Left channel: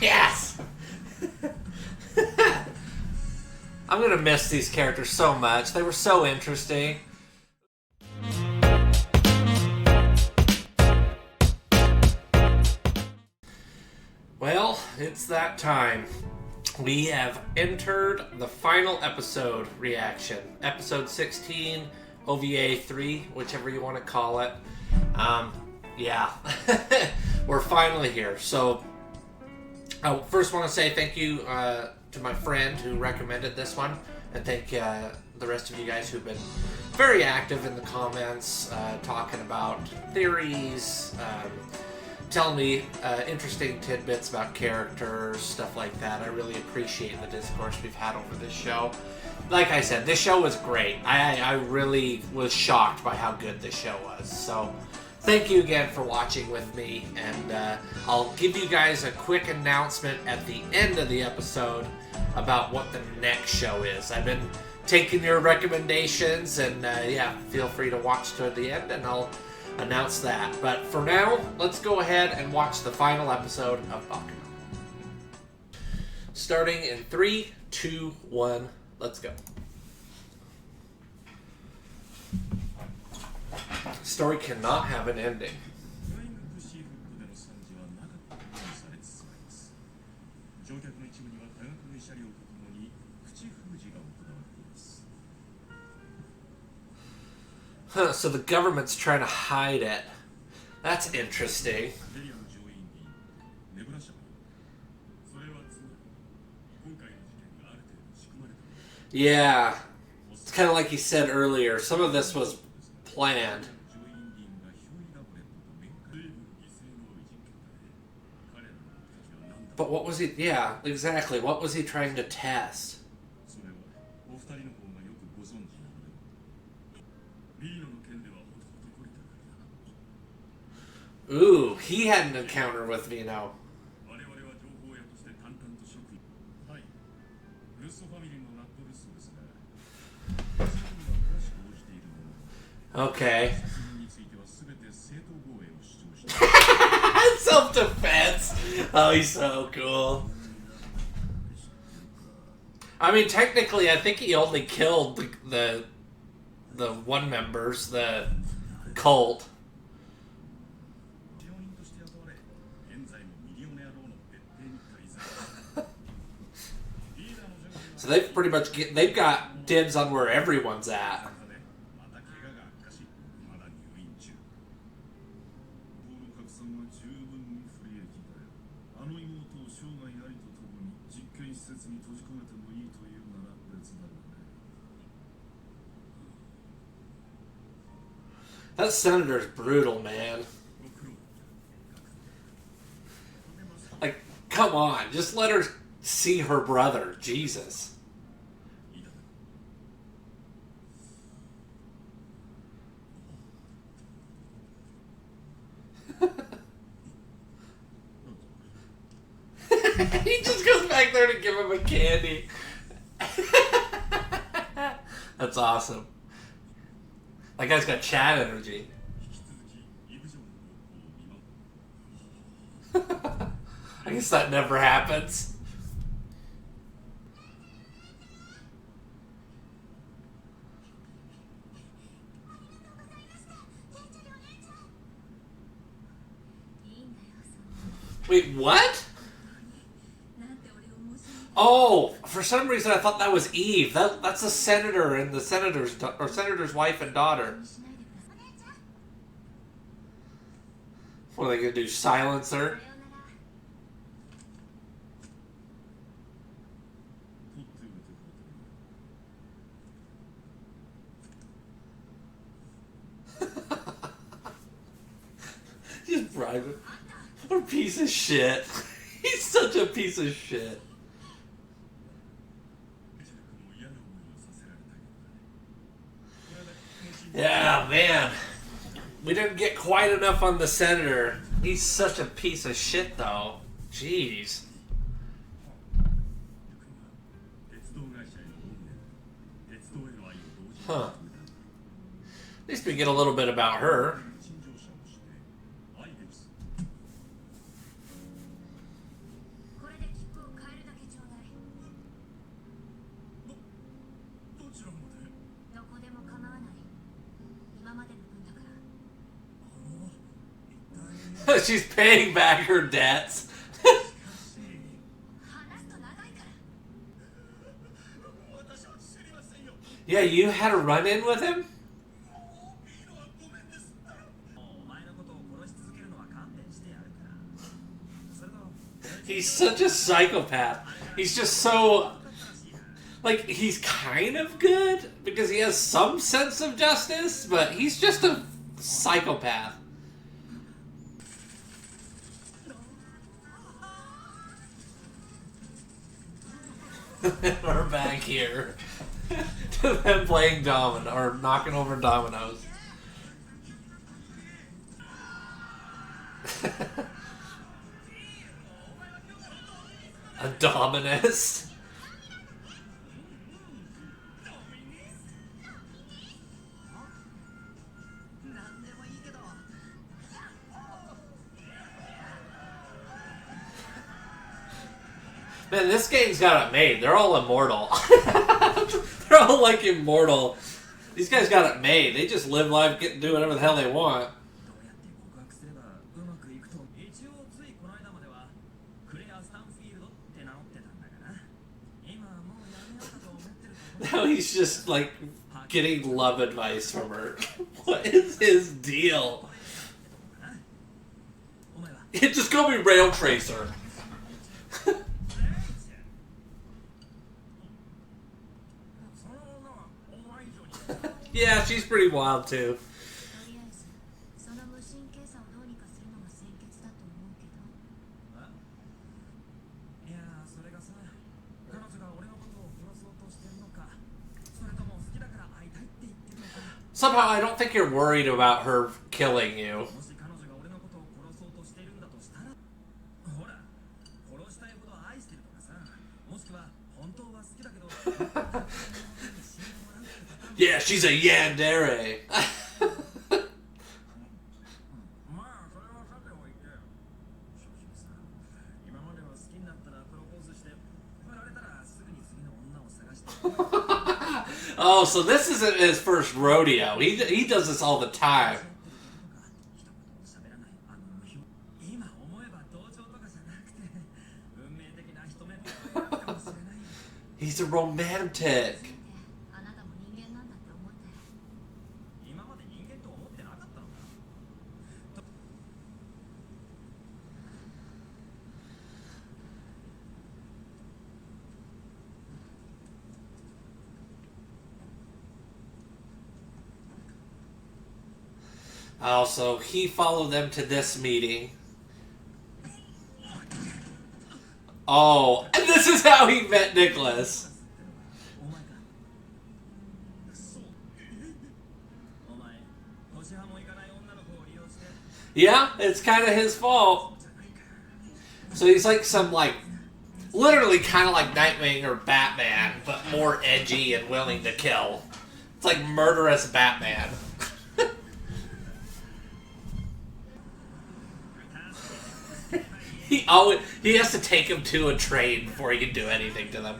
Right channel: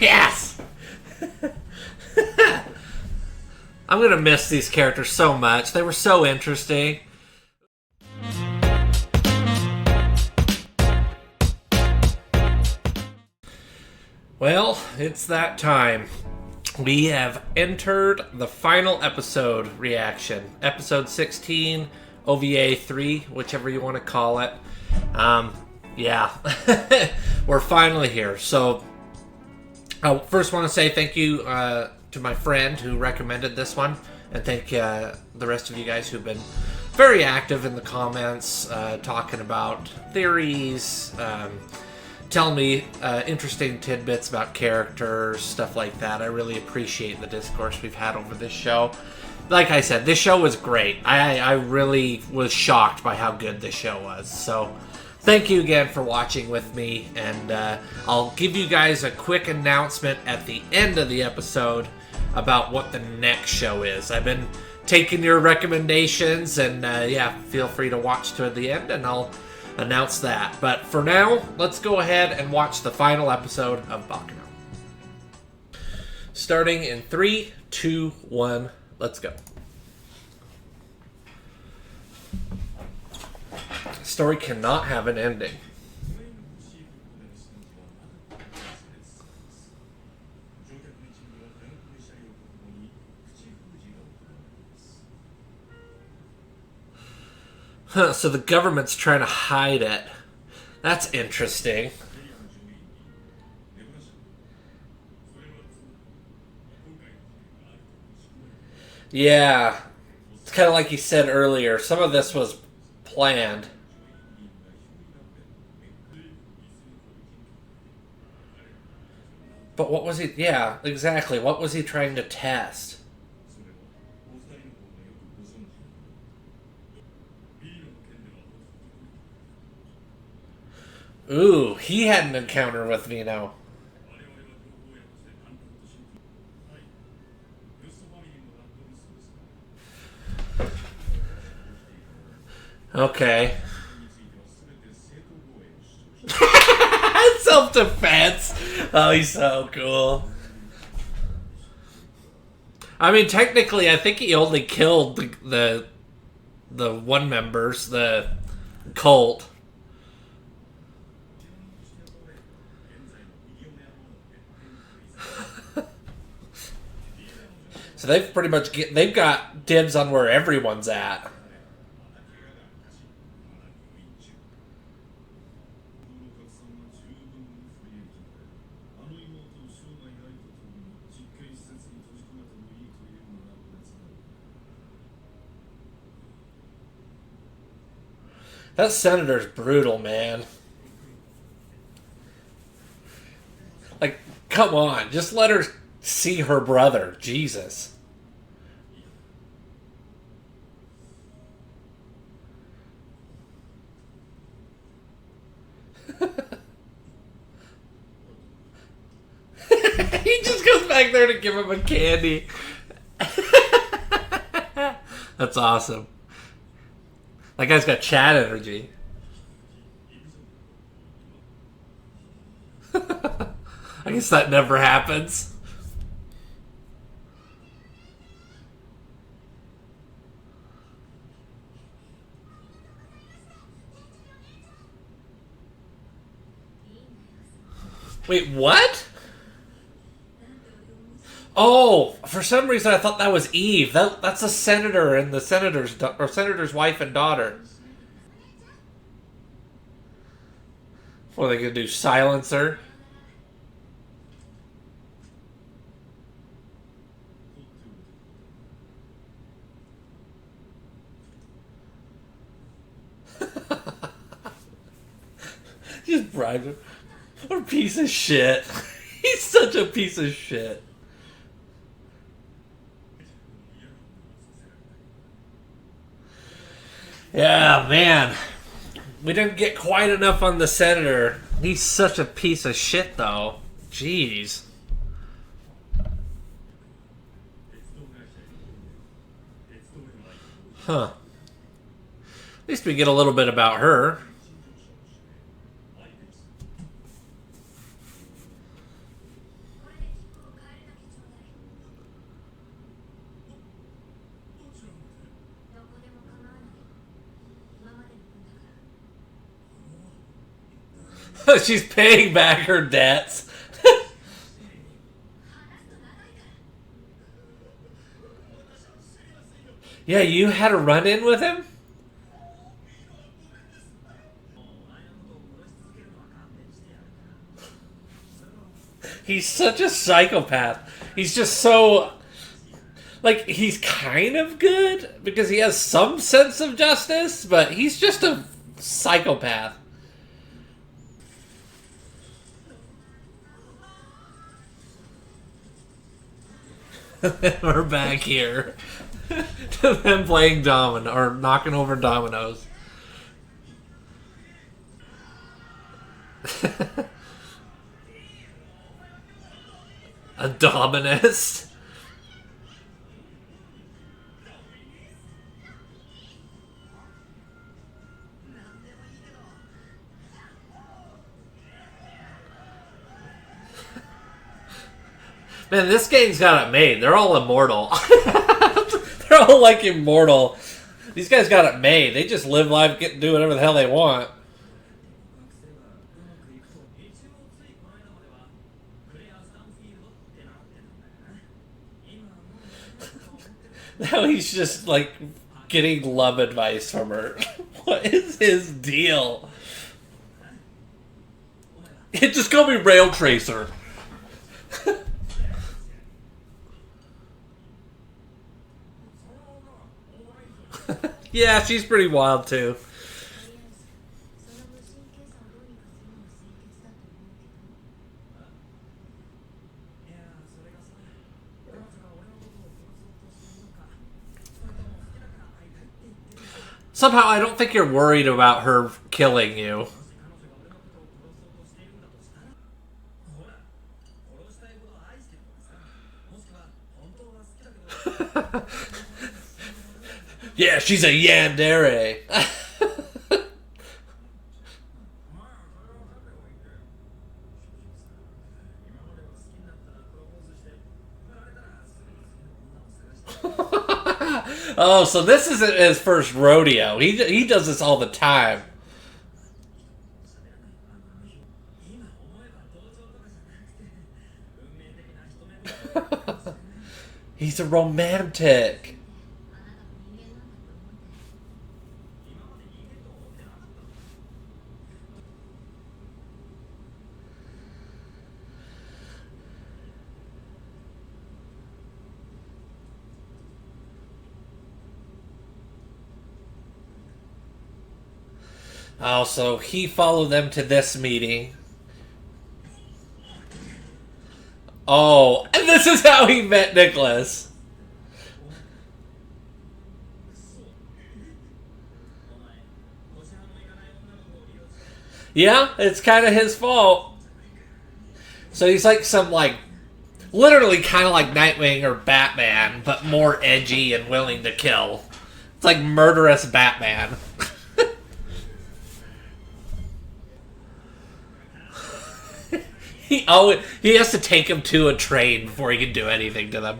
Yes! I'm going to miss these characters so much. They were so interesting. Well, it's that time. We have entered the final episode reaction. Episode 16, OVA 3, whichever you want to call it. Yeah. We're finally here. So, I first want to say thank you to my friend who recommended this one. And thank the rest of you guys who've been very active in the comments, talking about theories, telling me interesting tidbits about characters, stuff like that. I really appreciate the discourse we've had over this show. Like I said, this show was great. I really was shocked by how good this show was. So, thank you again for watching with me. And I'll give you guys a quick announcement at the end of the episode about what the next show is. I've been taking your recommendations, and yeah, feel free to watch to the end, and I'll announce that. But for now, let's go ahead and watch the final episode of Baccano. Starting in 3, 2, 1, let's go. The story cannot have an ending. Huh, so the government's trying to hide it. That's interesting. Yeah. It's kind of like you said earlier. Some of this was planned. But what was he... Yeah, exactly. What was he trying to test? Ooh, he had an encounter with Vino. Okay. Self-defense. Oh, he's so cool. I mean, technically, I think he only killed the one members, the cult. So they've pretty much they've got dibs on where everyone's at. That senator's brutal, man. Like, come on, just let her see her brother. Jesus. He just goes back there to give him a candy. That's awesome. That guy's got Chad energy. I guess that never happens. Wait, what? Oh, for some reason I thought that was Eve. That's a senator and the senator's wife and daughter. What are they gonna do? Silence her? Just bribe him. What a piece of shit. He's such a piece of shit. Yeah, man. We didn't get quite enough on the senator. He's such a piece of shit, though. Jeez. Huh. At least we get a little bit about her. She's paying back her debts. Yeah, you had a run-in with him? He's such a psychopath. He's just so... Like, he's kind of good because he has some sense of justice, but he's just a psychopath. We're back here to them playing domino or knocking over dominoes. A dominist. Man, this game's got it made. They're all immortal. They're all like immortal. These guys got it made. They just live life, get to do whatever the hell they want. Now he's just like getting love advice from her. What is his deal? Just call me Rail Tracer. Yeah, she's pretty wild too. Somehow I don't think you're worried about her killing you. Yeah, she's a yandere. Oh, so this isn't his first rodeo. He does this all the time. He's a romantic. Oh, so he followed them to this meeting. Oh, and this is how he met Nicholas. Yeah, it's kind of his fault. So he's like some, like, literally kind of like Nightwing or Batman, but more edgy and willing to kill. It's like murderous Batman. He has to take him to a train before he can do anything to them.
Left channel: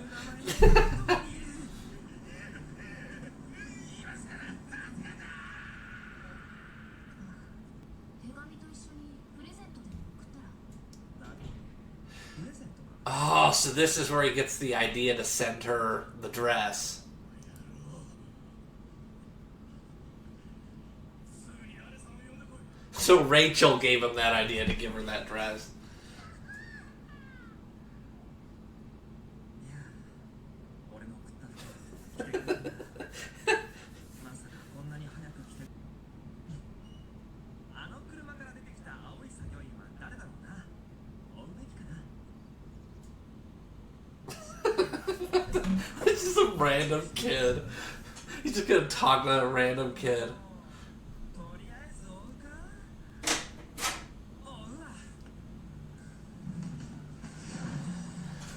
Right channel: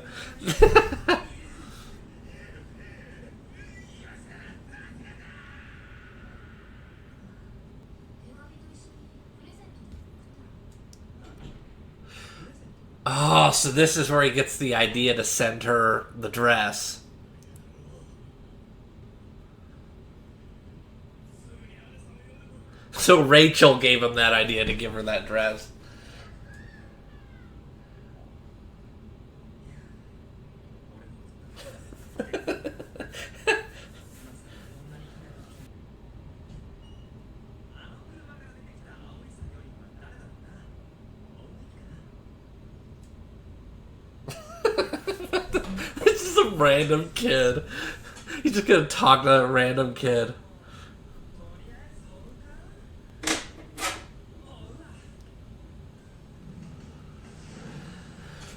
Oh, so this is where he gets the idea to send her the dress. So Rachel gave him that idea to give her that dress. This is a random kid. He's just gonna talk to that random kid.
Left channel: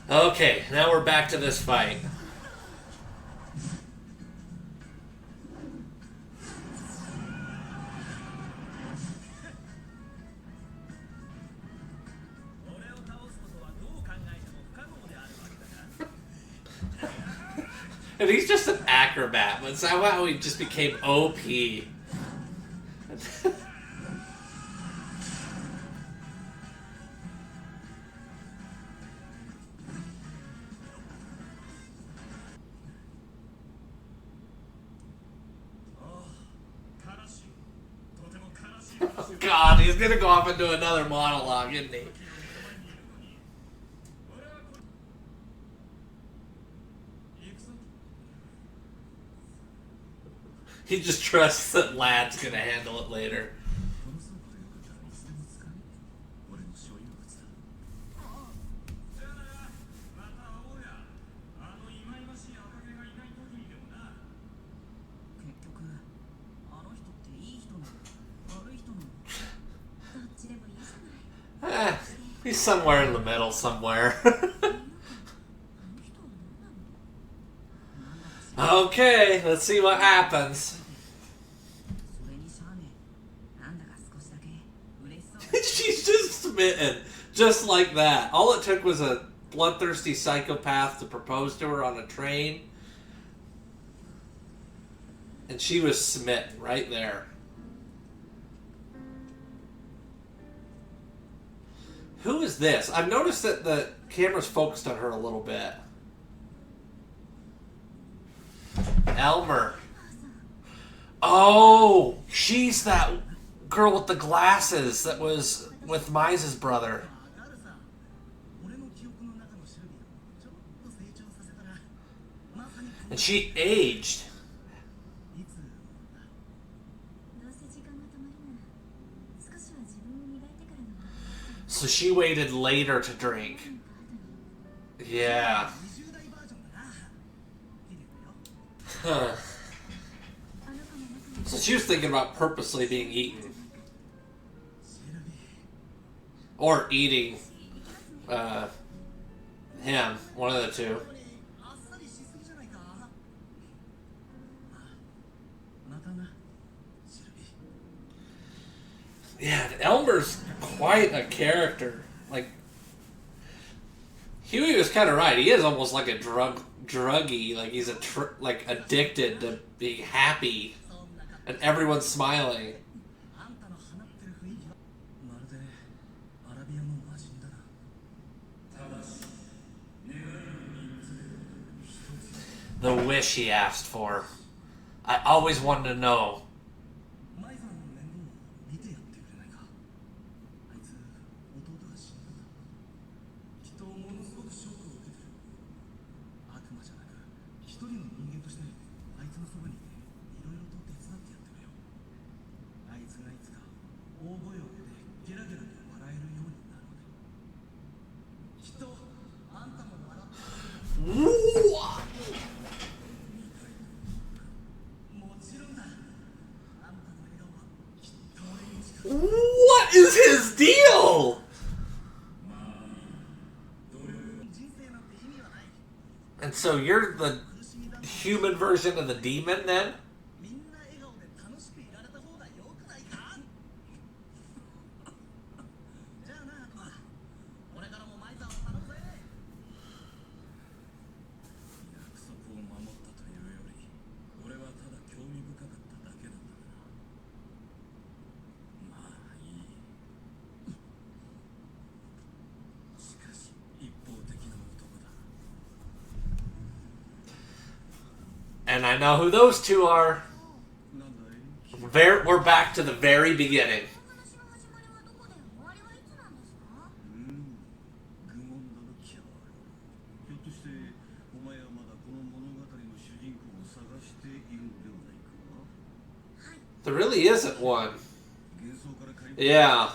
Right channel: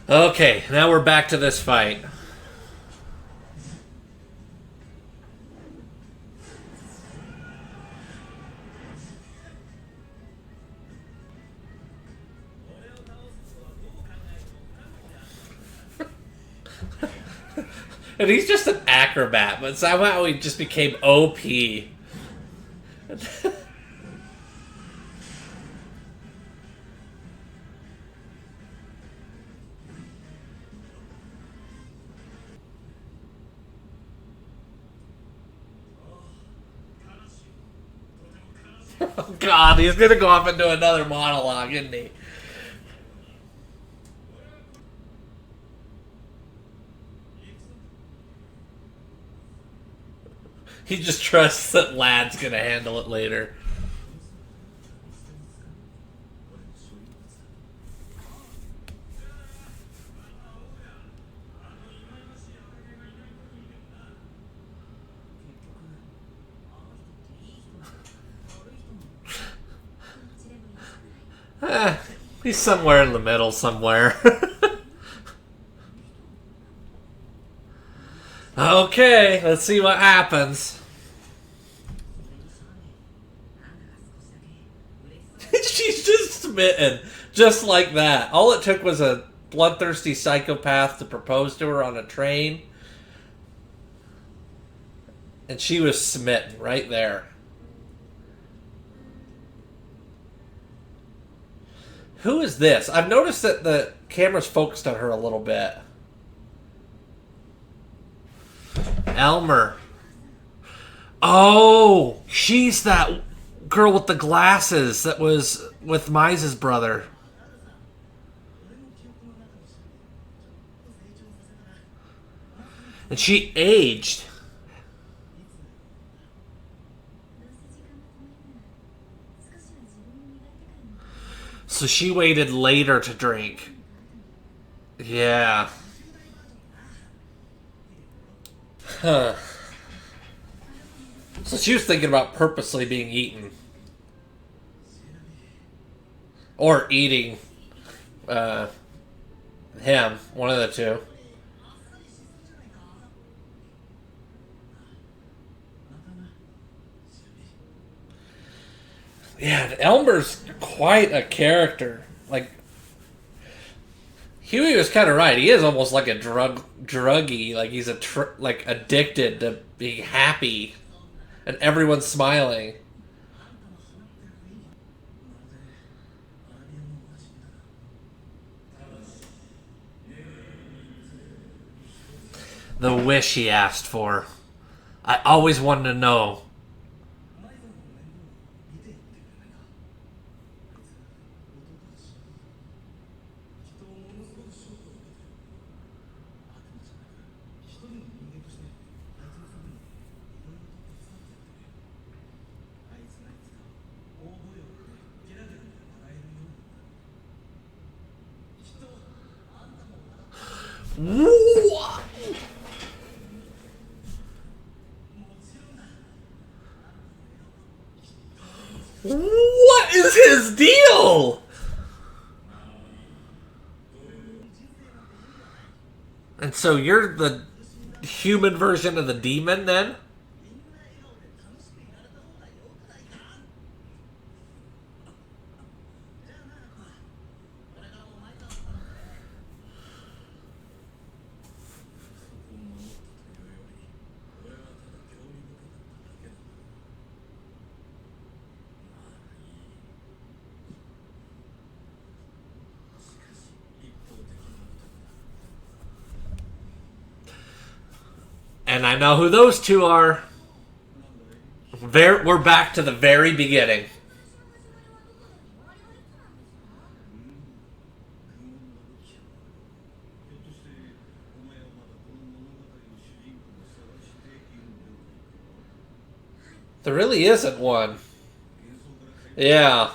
Okay, now we're back to this fight. And he's just an acrobat, but somehow he just became OP. Oh, God, he's gonna go off into another monologue, isn't he? He just trusts that Lad's gonna handle it later. Eh, he's somewhere in the middle somewhere. Okay, let's see what happens. She's just smitten. Just like that. All it took was a bloodthirsty psychopath to propose to her on a train. And she was smitten right there. Who is this? I've noticed that the camera's focused on her a little bit. Elmer. Oh, she's that girl with the glasses that was with Mize's brother. And she aged. So she waited later to drink. Yeah. Huh. So she was thinking about purposely being eaten. Or eating him. One of the two. Yeah, Elmer's quite a character. Like, Huey was kind of right. He is almost like a druggie. Like he's like addicted to being happy, and everyone's smiling. The wish he asked for. I always wanted to know. What is his deal? And so you're the human version of the demon then? And I know who those two are. We're back to the very beginning. There really isn't one. Yeah.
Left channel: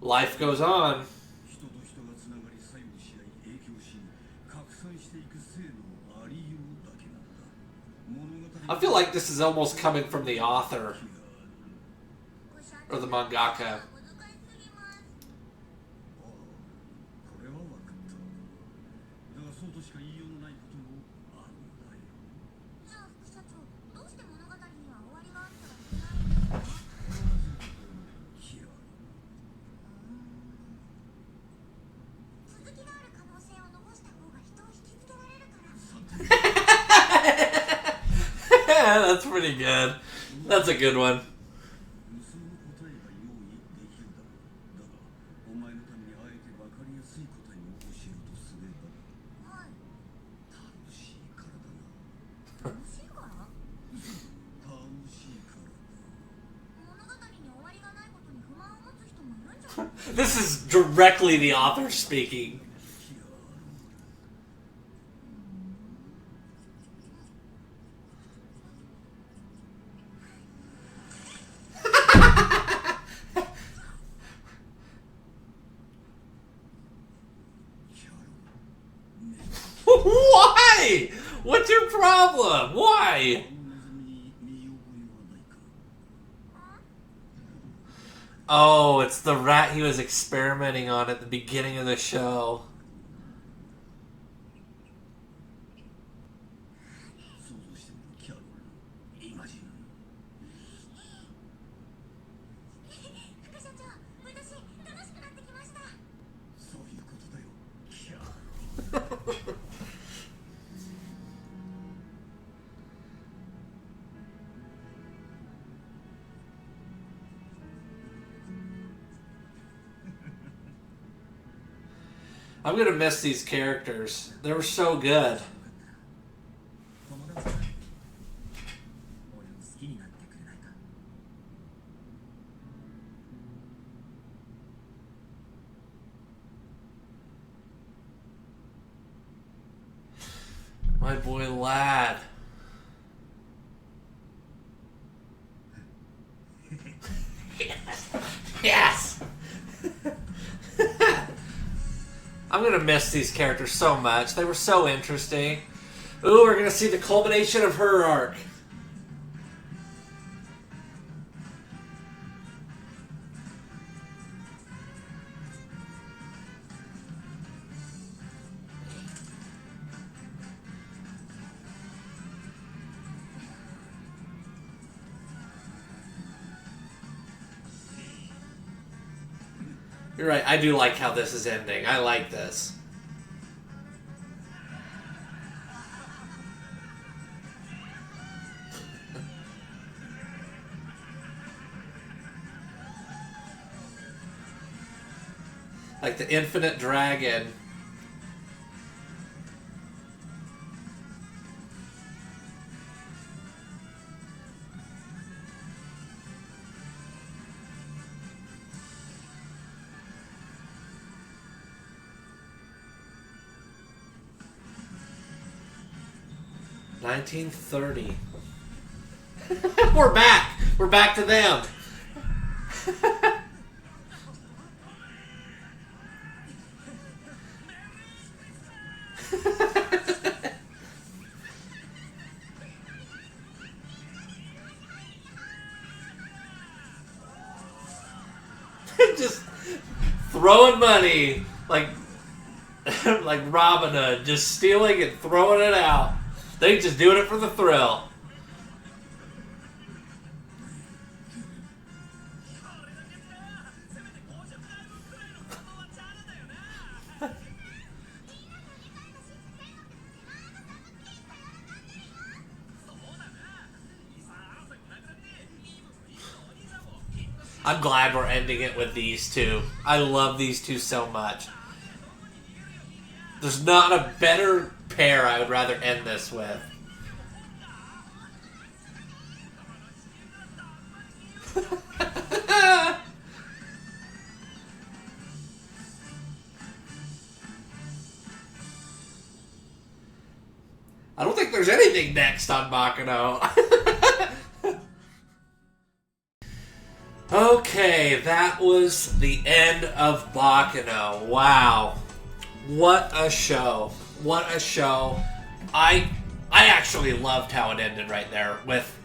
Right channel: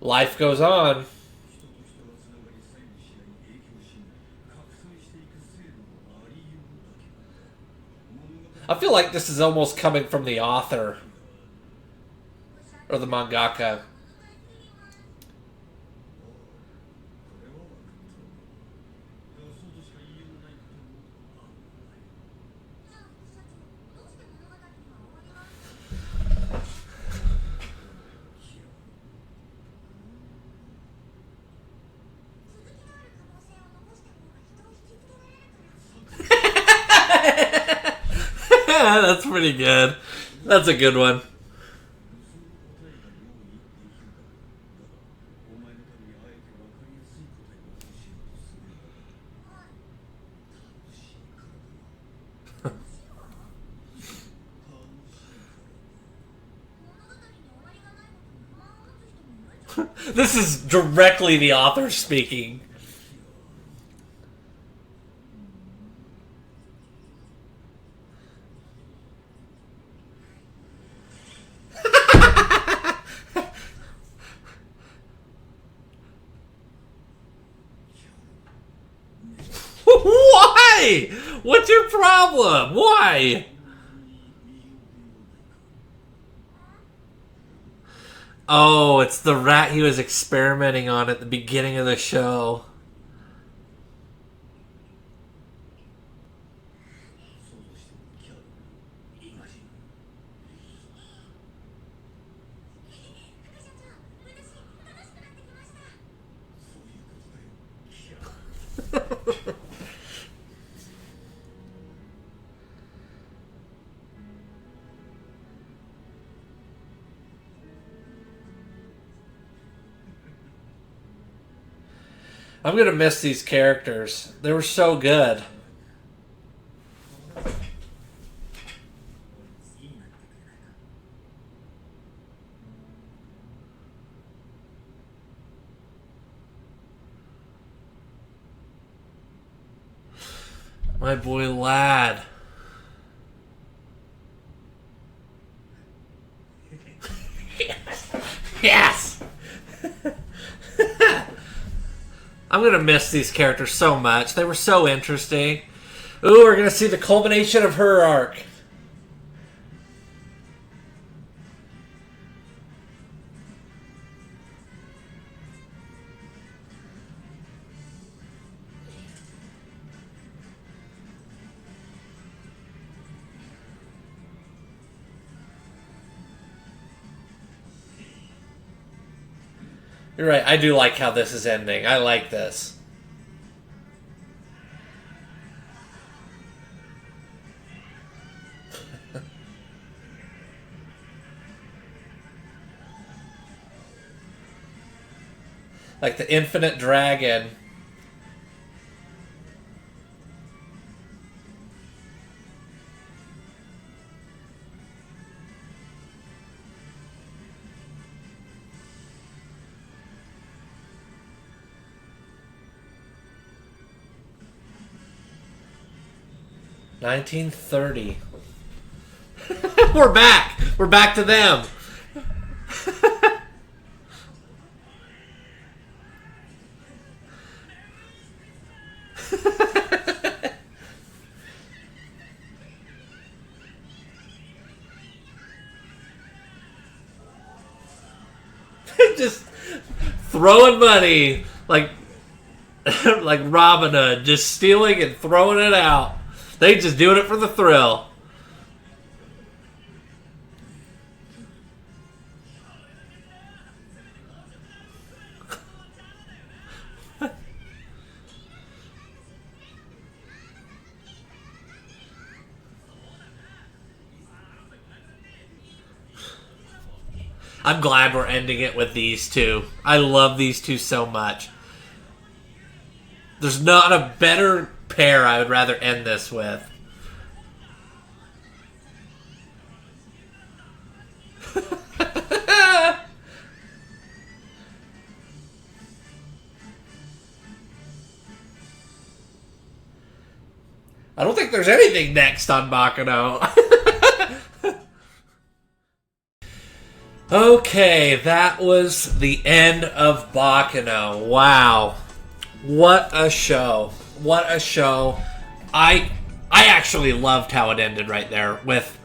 Life goes on. I feel like this is almost coming from the author. Or the mangaka. That's pretty good. That's a good one. This is directly the author speaking. Why? What's your problem? Why? Oh, it's the rat he was experimenting on at the beginning of the show. I'm gonna miss these characters. They were so good. My boy Lad. Yes! I'm going to miss these characters so much. They were so interesting. Ooh, we're going to see the culmination of her arc. You're right. I do like how this is ending. I like this. Like the infinite dragon. $1930. We're back. We're back to them. Just throwing money like Robin Hood, just stealing and throwing it out. They just doing it for the thrill. I'm glad we're ending it with these two. I love these two so much. There's not a better pair I would rather end this with. I don't think there's anything next on Baccano. Okay, that was the end of Baccano. Wow. What a show. What a show. I actually loved how it ended right there with,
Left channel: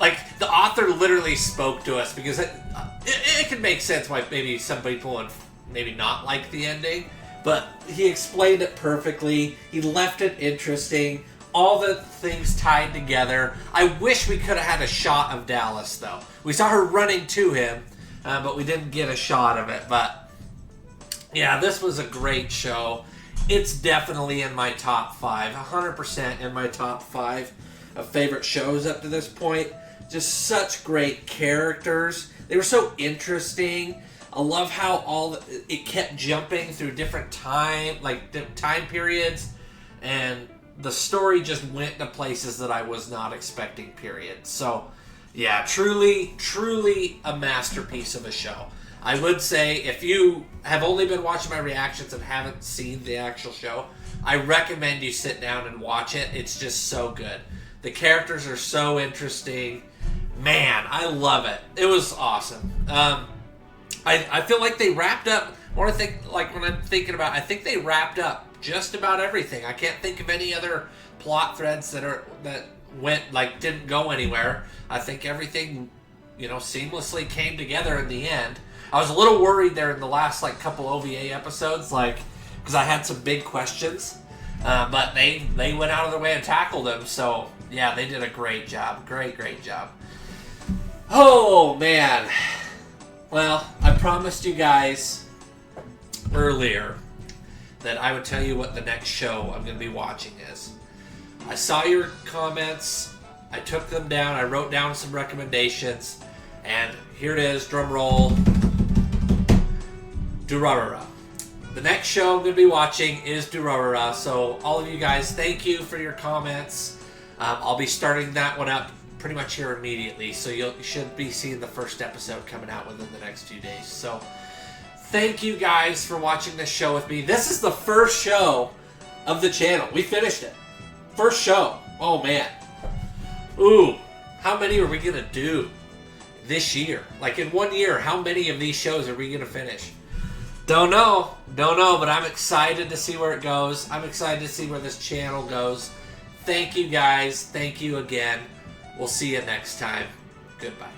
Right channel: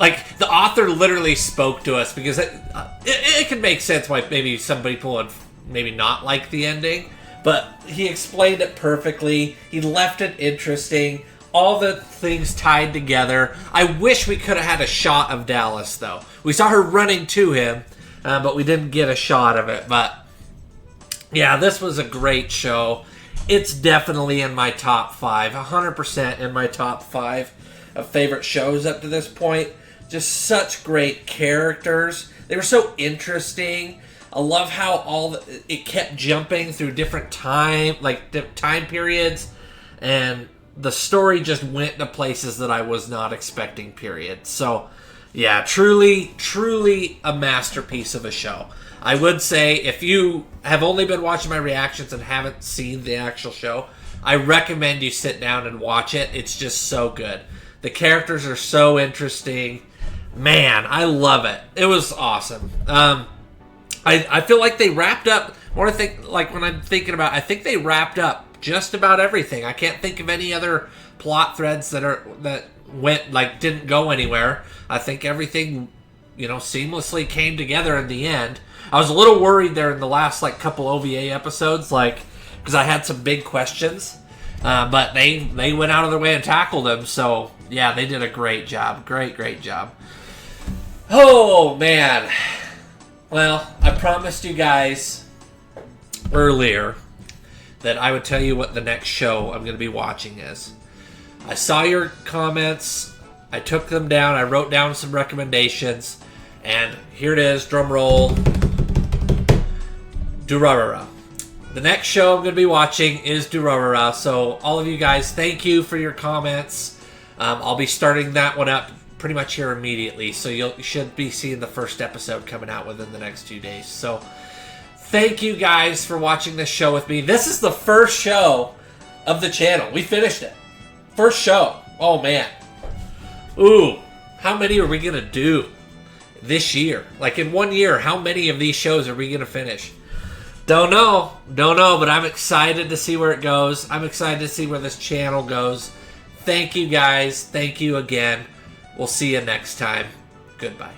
like, the author literally spoke to us because it can make sense why maybe some people would maybe not like the ending, but he explained it perfectly. He left it interesting. All the things tied together. I wish we could have had a shot of Dallas, though. We saw her running to him, but we didn't get a shot of it. But, yeah, this was a great show. It's definitely in my top 5. 100% in my top 5 of favorite shows up to this point. Just such great characters. They were so interesting. I love how it kept jumping through different time periods, and the story just went to places that I was not expecting, period. So, yeah, truly, truly a masterpiece of a show. I would say if you have only been watching my reactions and haven't seen the actual show, I recommend you sit down and watch it. It's just so good. The characters are so interesting. Man, I love it. It was awesome. I feel like they wrapped up. When I'm thinking about, I think they wrapped up just about everything. I can't think of any other plot threads that didn't go anywhere. I think everything, seamlessly came together in the end. I was a little worried there in the last couple OVA episodes, because I had some big questions, but they went out of their way and tackled them. So yeah, they did a great job. Great job. Oh man. Well, I promised you guys earlier that I would tell you what the next show I'm going to be watching is. I saw your comments. I took them down. I wrote down some recommendations. And here it is. Drum roll. Durarara. The next show I'm going to be watching is Durarara. So all of you guys, thank you for your comments. I'll be starting that one up pretty much here immediately. So you should be seeing the first episode coming out within the next 2 days. So thank you guys for watching this show with me. This is the first show of the channel. We finished it. First show. Oh, man. Ooh. How many are we going to do this year? In 1 year, how many of these shows are we going to finish? Don't know, but I'm excited to see where it goes. I'm excited to see where this channel goes. Thank you, guys. Thank you again. We'll see you next time. Goodbye.